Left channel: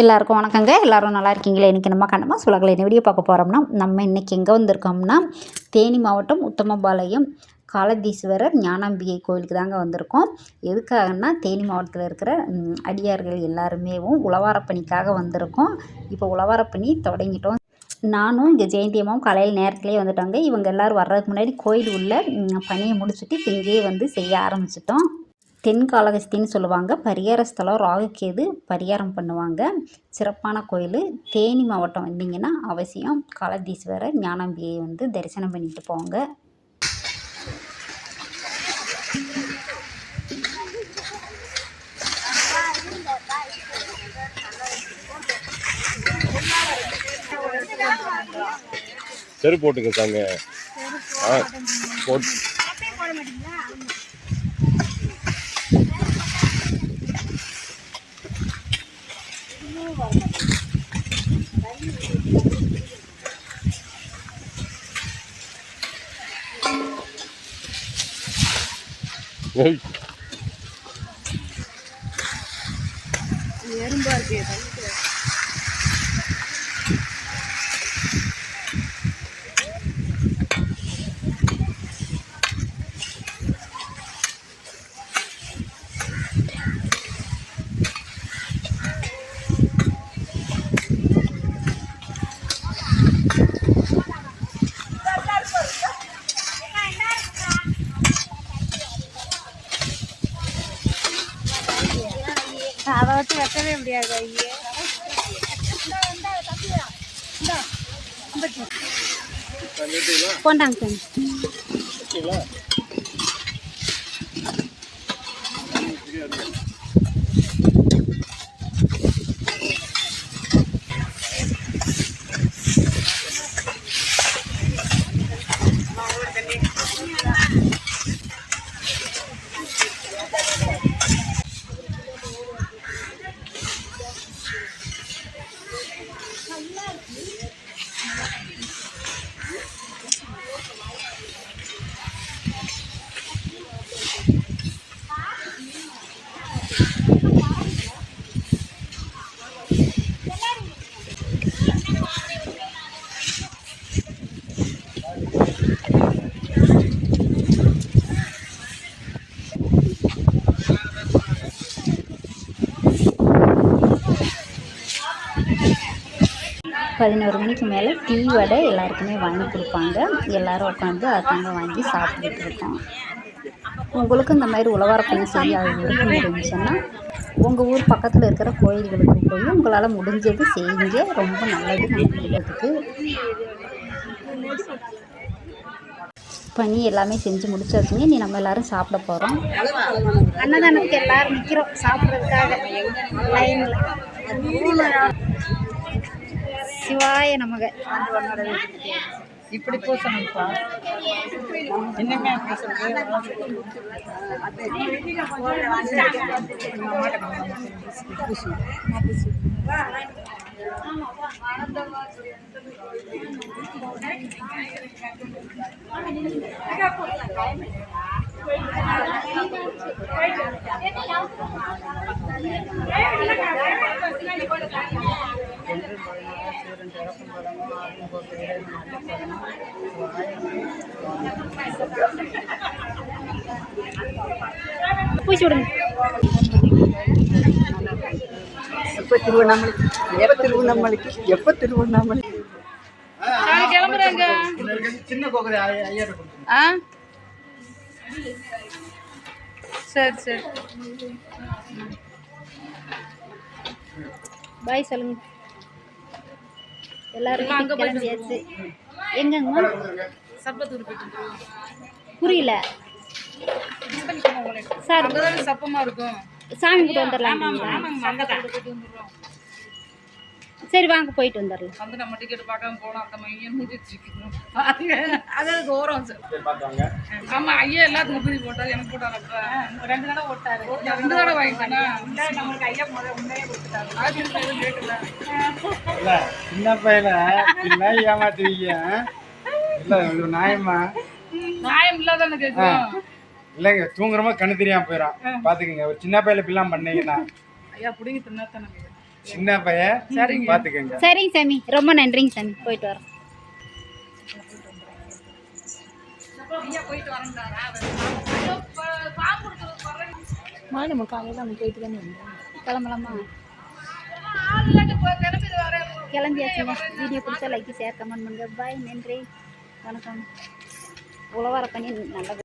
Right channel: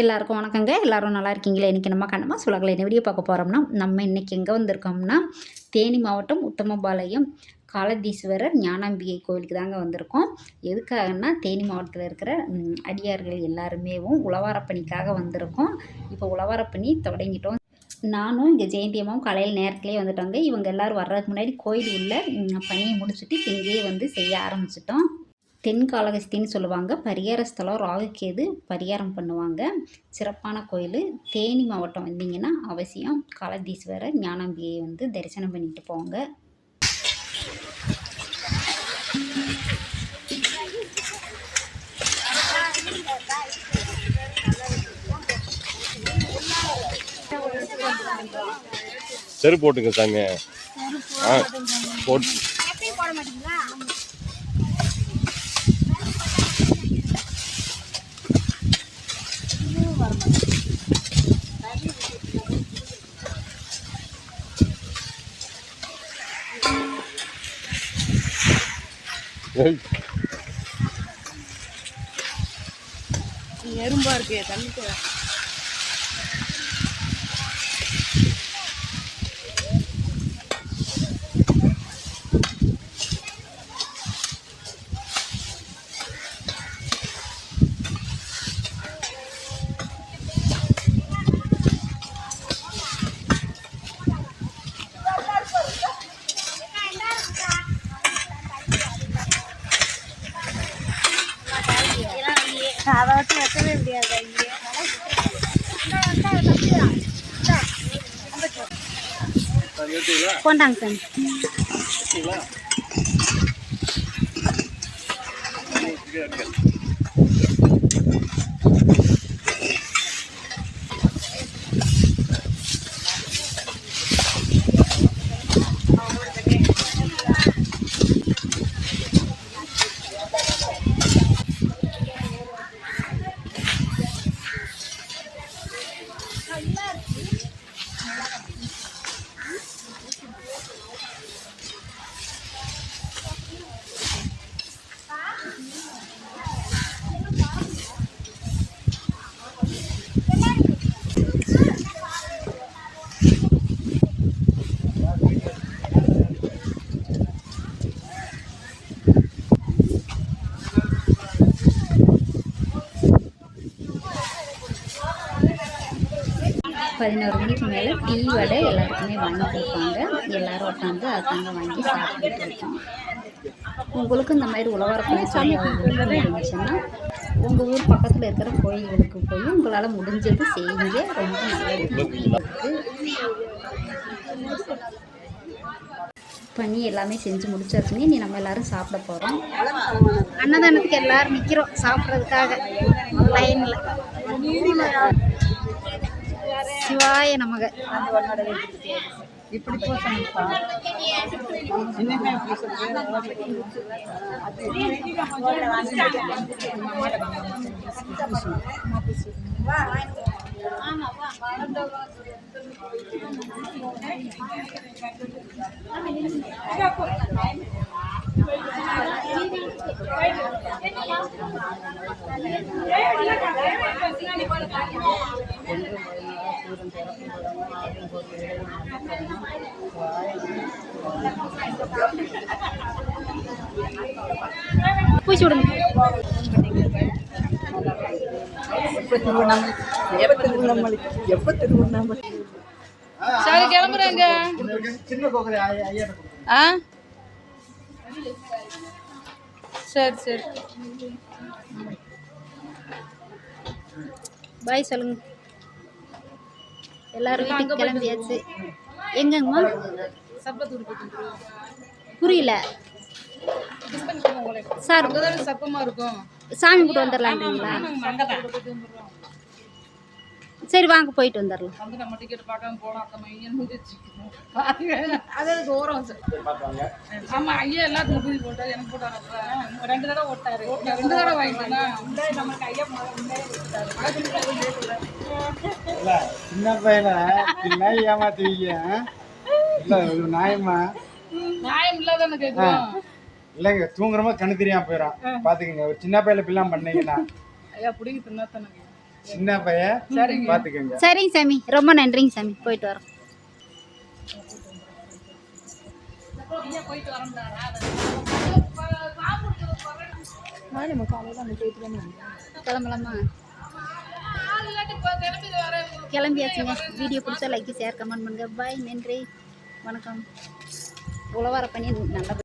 எல்லாருக்கும் வணக்கங்க. எல்லாரும் நல்லா இருக்கீங்களா? இன்றைக்கி நம்ம கண்ணம்மா சுலகில் என்ன வீடியோ பார்க்க போகிறோம்னா, நம்ம இன்றைக்கி எங்கே வந்திருக்கோம்னா, தேனி மாவட்டம் உத்தமபாளையம் காலதீஸ்வரர் ஞானாம்பிகை கோயிலுக்கு தாங்க வந்திருக்கோம். எதுக்காகன்னா, தேனி மாவட்டத்தில் இருக்கிற அடியார்கள் எல்லாருமேவும் உழவாரப்பணிக்காக வந்திருக்கோம். இப்போ உழவாரப்பணி தொடங்கிட்டோம். நானும் இங்கே ஜெயந்தி அம்மாவும் காலையில் நேரத்துலேயே வந்துட்டாங்க. இவங்க எல்லோரும் வர்றதுக்கு முன்னாடி கோயில் உள்ள பணியை முடிச்சுட்டு இப்போ இங்கேயே வந்து செய்ய ஆரம்பிச்சிட்டோம். தென்காளஹஸ்தின்னு சொல்லுவாங்க. பரிகார ஸ்தலம் ராகுகேது பரிகாரம் பண்ணுவாங்க. சிறப்பான கோயில். தேனி மாவட்டம் வந்தீங்கன்னா அவசியம் காலதீஸ்வரர் ஞானாம்பிகையை வந்து தரிசனம் பண்ணிட்டு போங்க. சரி போட்டுங்க சாங்க. போட்டு எறும்பா இருக்கு தண்ணிக்கு. அதை வச்சு வைக்கவே முடியாது. கொண்டாங்க சார். பதினோரு மணிக்கு மேலே டீ வடை எல்லாருக்குமே வாங்கி கொடுப்பாங்க. எல்லோரும் உட்காந்து அதுதாங்க வாங்கி சாப்பிட்டுட்டு இருக்கோம். உங்களுக்கு இந்த மாதிரி உழவாரப்பணி செய்ய இருந்துச்சுன்னா உங்கள் ஊர் பக்கத்தில் இருக்கிற கோயில்களுக்கு போய் உங்களால் முடிஞ்சது செய்யுங்க. ரொம்ப நல்லது நம்ம இல்லத்துக்கு. பணி எல்லாமே செஞ்சு முடிச்சாச்சுங்க. நீ நம்ம எல்லோரும் சாப்பிட போகிறோம். அன்னதானத்துக்கு எல்லோரும் நிற்கிறோம் சாப்பிட்றதுக்காக லைனில். சிவாய நமக. இப்படி பூசணும்ப்பா. என்னமே பூசுறது சூரன் திறக்கும் பதமும் ஆகும் போது இறைவன் அள்ளித்தரணும். பூச்சி விடுங்க. எப்போ திருவண்ணாமலை எப்போ திருவண்ணாமலை கிளம்புறாங்க. சின்ன கோக்கரை ஐயா. சரி சரி பாய் சொல்லுங்க. எல்லாரும் வீட்டுக்கு கிளம்பியாச்சு. எங்கம்மா? புரியல சார். சப்பமா இருக்கும். சாமி கூட்டு வந்துடலான்றீங்களா? சரி வாங்க போயிட்டு வந்துடலாம். வந்து நம்ம டிக்கெட் பார்க்காம போனோம். அந்த மையம் முடிச்சிருக்கோம். அதாவது ஓரம் பார்த்தாங்க. ஆமா ஐயா எல்லாத்துக்கும் புரி போட்டாரு. எனக்கு போட்டாரு. 2 தடவை ஓட்டாரு. 2 தடவை வாங்கிட்டானா நமக்கு ஐயா முன்னாடியே கொடுத்துட்டாரு. சின்ன பையனை பின்ன ஏமாத்துவீங்க. இல்ல இது நியாயமா? நியாயம் இல்லாதானே கேட்கும். இல்லைங்க தூங்குறமா கண்ணு தெரியாம போயிடும். பாத்துக்கங்க ஒரு சின்ன பையில பில்லாம் பண்ணீங்கன்னா ஐயா பிடிங்கி தின்னாத்தானே சின்ன பையன் பார்த்துக்கங்க. சரிங்க சாமி, ரொம்ப நன்றிங்க சாமி, போயிட்டு வரோம். ஐயா போயிட்டு வரேன்டாரா பாம்பு கொடுக்குறது போடுறேன் மாதம் காலையில் அவங்க போயிட்டு தானே வந்தோம். கிளம்பலாமா? ஆள் இல்லாட்டி கிளம்பி வரேன். கிளம்பியாச்சுங்க. வீடியோ பிடிச்சா லைக், ஷேர், கமெண்ட் பண்ணுங்கள். பாய், நன்றி, வணக்கம். உழவார பண்ணி நல்ல